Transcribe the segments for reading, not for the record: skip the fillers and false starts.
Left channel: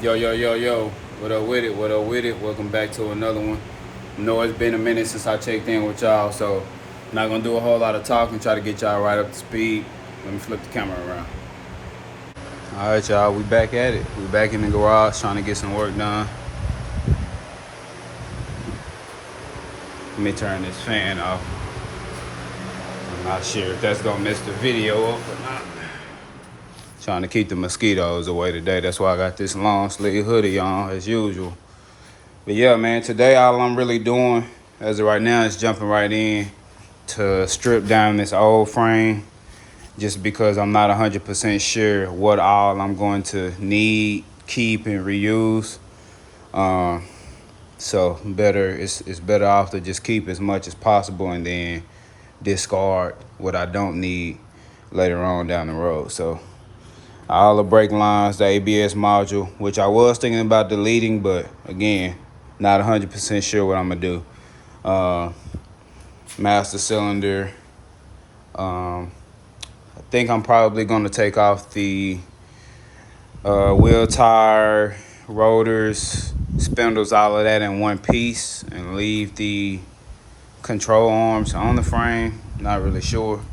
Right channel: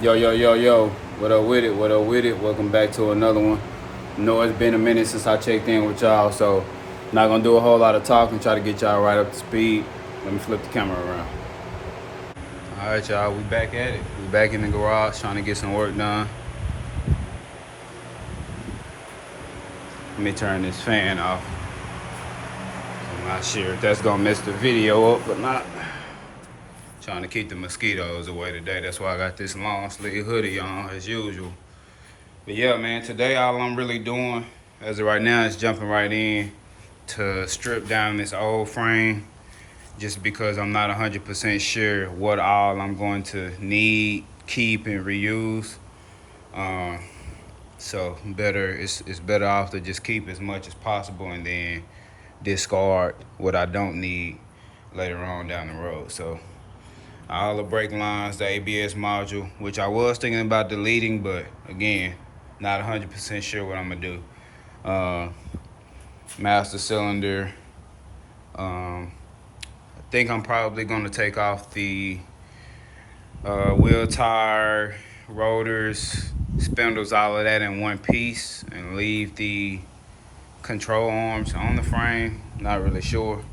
Yo, yo, yo, yo. What up with it? What up with it? Welcome back to another one. I know it's been a minute since I checked in with y'all, so I'm not gonna do a whole lot of talking, try to get y'all right up to speed. Let me flip the camera around. Alright, y'all, we back at it. We back in the garage trying to get some work done. Let me turn this fan off. I'm not sure if that's gonna mess the video up or not. Trying to keep the mosquitoes away today. That's why I got this long sleeve hoodie on as usual. But yeah, man, today all I'm really doing as of right now is jumping right in to strip down this old frame just because I'm not 100% sure what all I'm going to need, keep, and reuse. So it's better off to just keep as much as possible and then discard what I don't need later on down the road. So all the brake lines, the ABS module, which I was thinking about deleting, but again, not 100% sure what I'm gonna do. Master cylinder. I think I'm probably gonna take off the wheel tire, rotors, spindles, all of that in one piece and leave the control arms on the frame. Not really sure.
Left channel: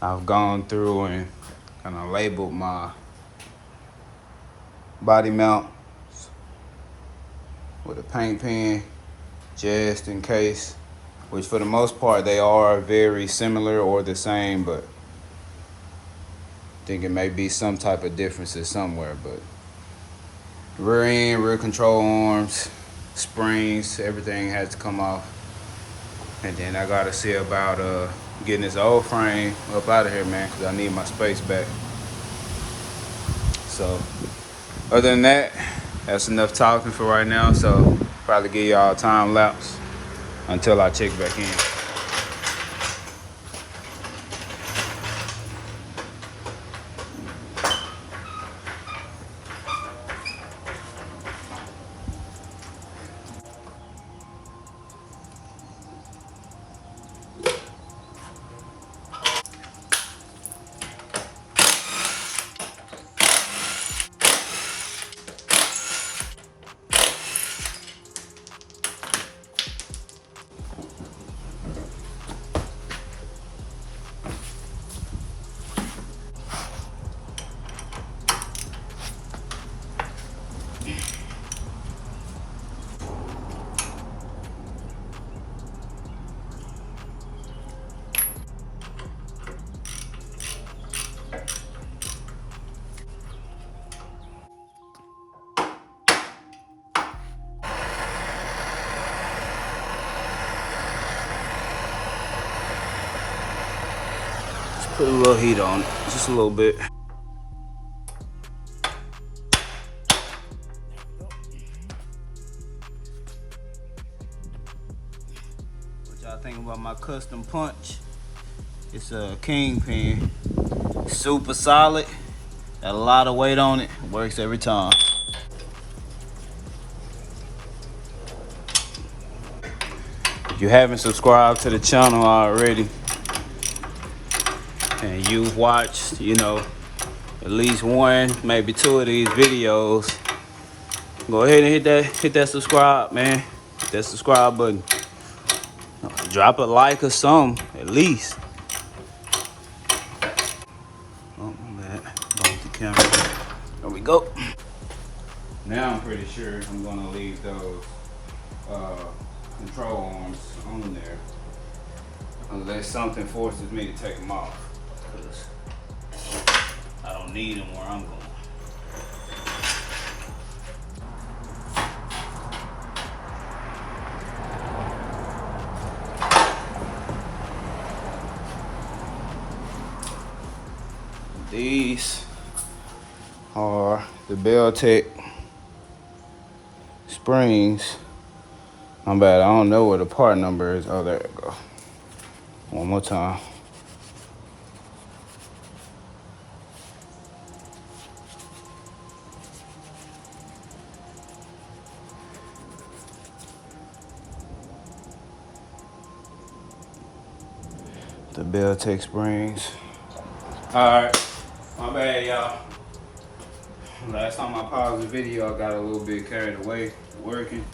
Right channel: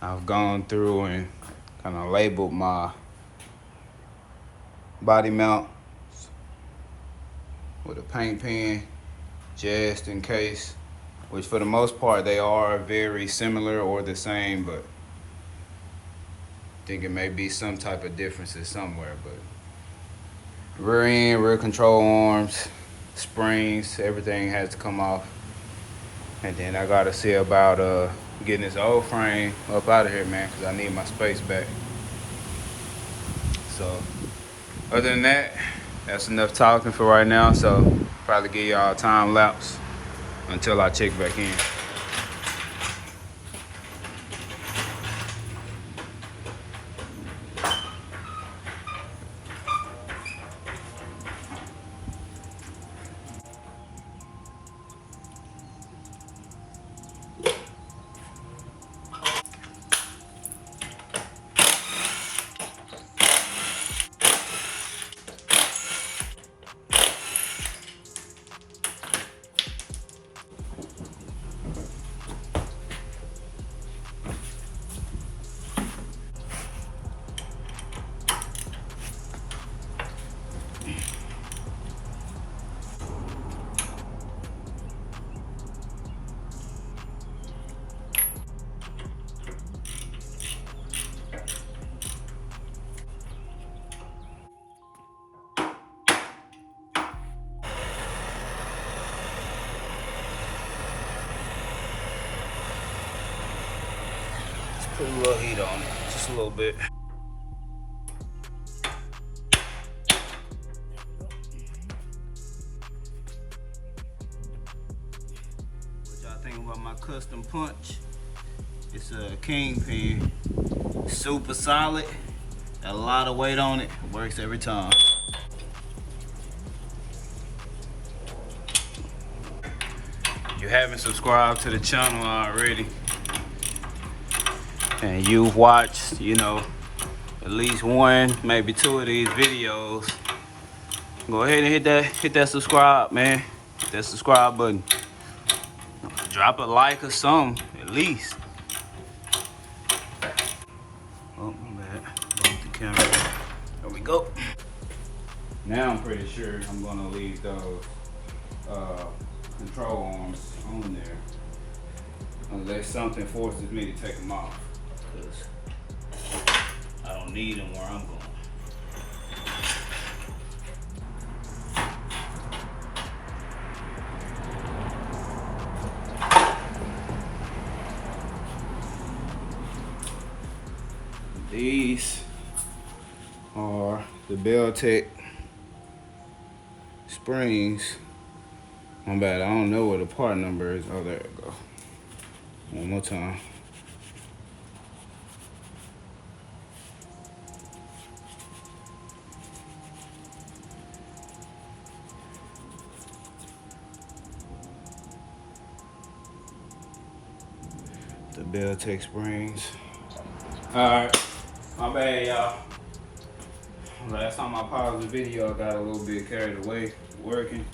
I've gone through and kind of labeled my body mount with a paint pen just in case, which for the most part they are very similar or the same, but I think it may be some type of differences somewhere. But rear end, rear control arms, springs, everything has to come off. And then I gotta see about getting this old frame up out of here, man, because I need my space back. So other than that, that's enough talking for right now. So probably give y'all a time lapse until I check back in. Put a little heat on it, just a little bit. What y'all think about my custom punch? It's a kingpin, super solid, got a lot of weight on it, works every time. If you haven't subscribed to the channel already, and you've watched, at least one, maybe two of these videos, go ahead and hit that subscribe, man. Hit that subscribe button. Drop a like or something, at least. Oh, my bad. Bump the camera. There we go. Now I'm pretty sure I'm gonna leave those control arms on there unless something forces me to take them off, because I don't need them where I'm going. These are the Beltec springs. I'm bad, I don't know where the part number is. Oh, there it go. One more time. The Beltec springs. All right, my bad, y'all. Last time I paused the video, I got a little bit carried away working.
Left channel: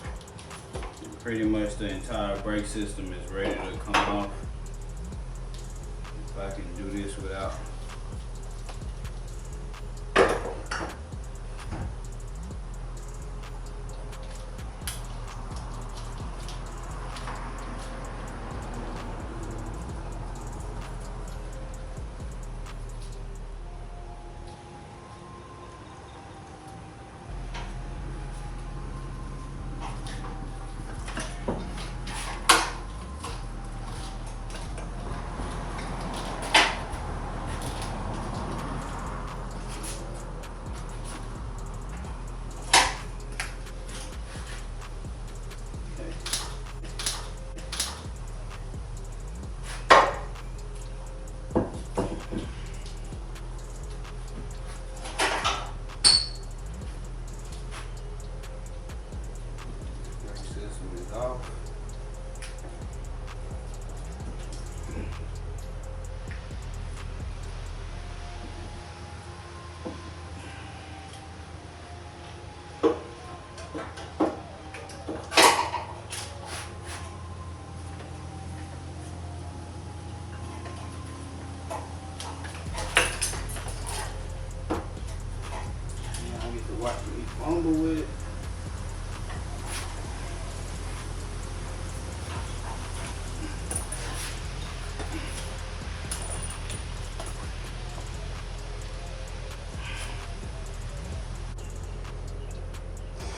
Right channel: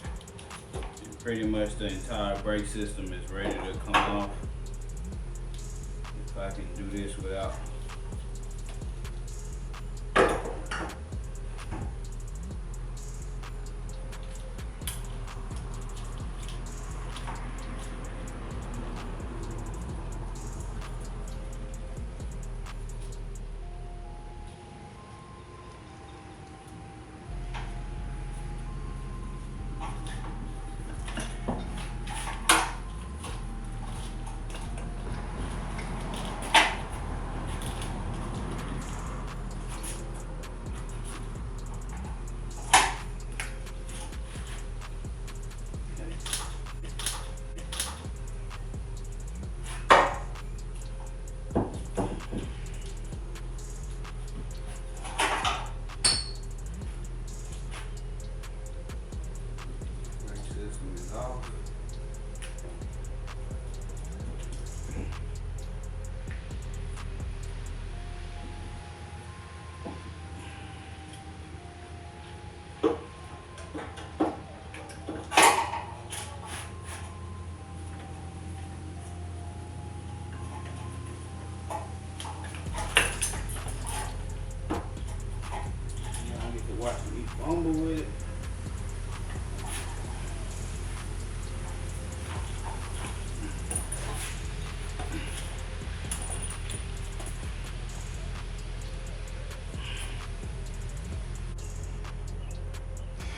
And pretty much the entire brake system is ready to come off. If I can do this without off. I get to watch me fumble with it.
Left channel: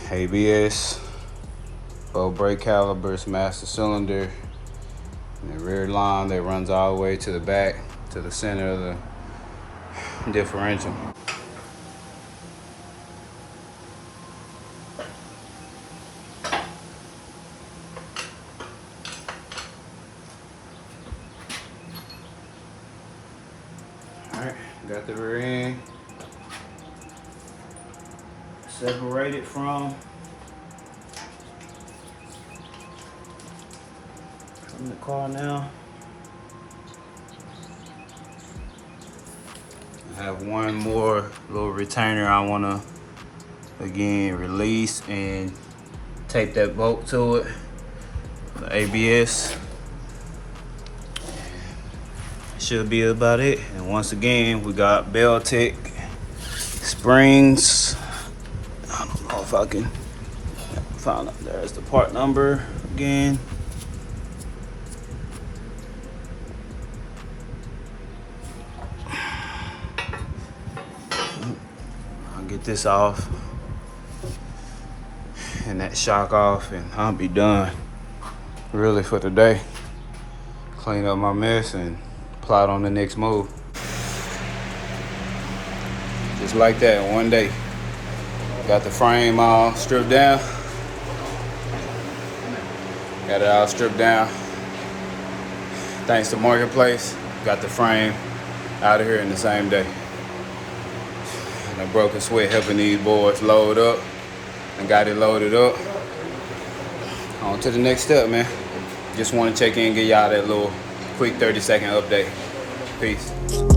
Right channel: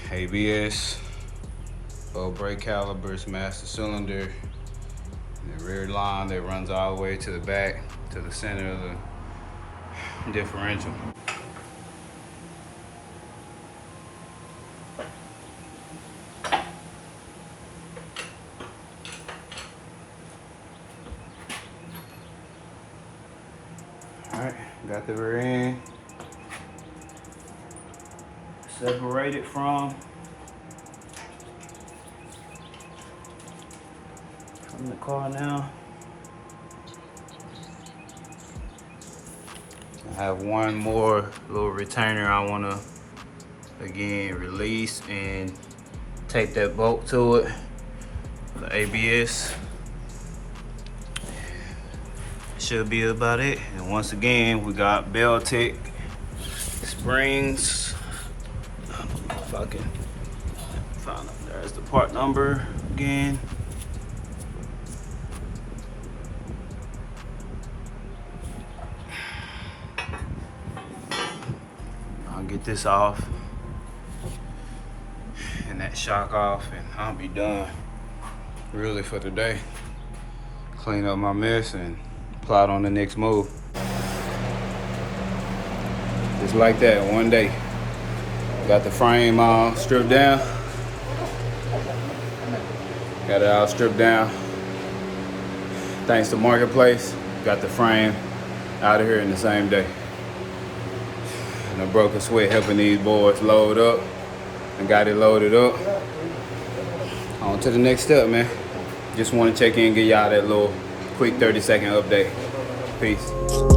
ABS, both brake calipers, master cylinder, and the rear line that runs all the way to the back, to the center of the differential. All right, got the rear end separated from the car now. I have one more little retainer I want to again release and tape that bolt to it, the ABS. Should be about it. And once again, we got Beltec springs. I don't know if I can find out. There's the part number again. I'll get this off and that shock off, and I'll be done really for today. Clean up my mess and plot on the next move. Just like that, one day. Got the frame all stripped down. Got it all stripped down. Thanks to Marketplace, got the frame out of here in the same day. And a broken sweat helping these boys load up. And got it loaded up. On to the next step, man. Just want to check in and give y'all that little quick 30-second update. Peace.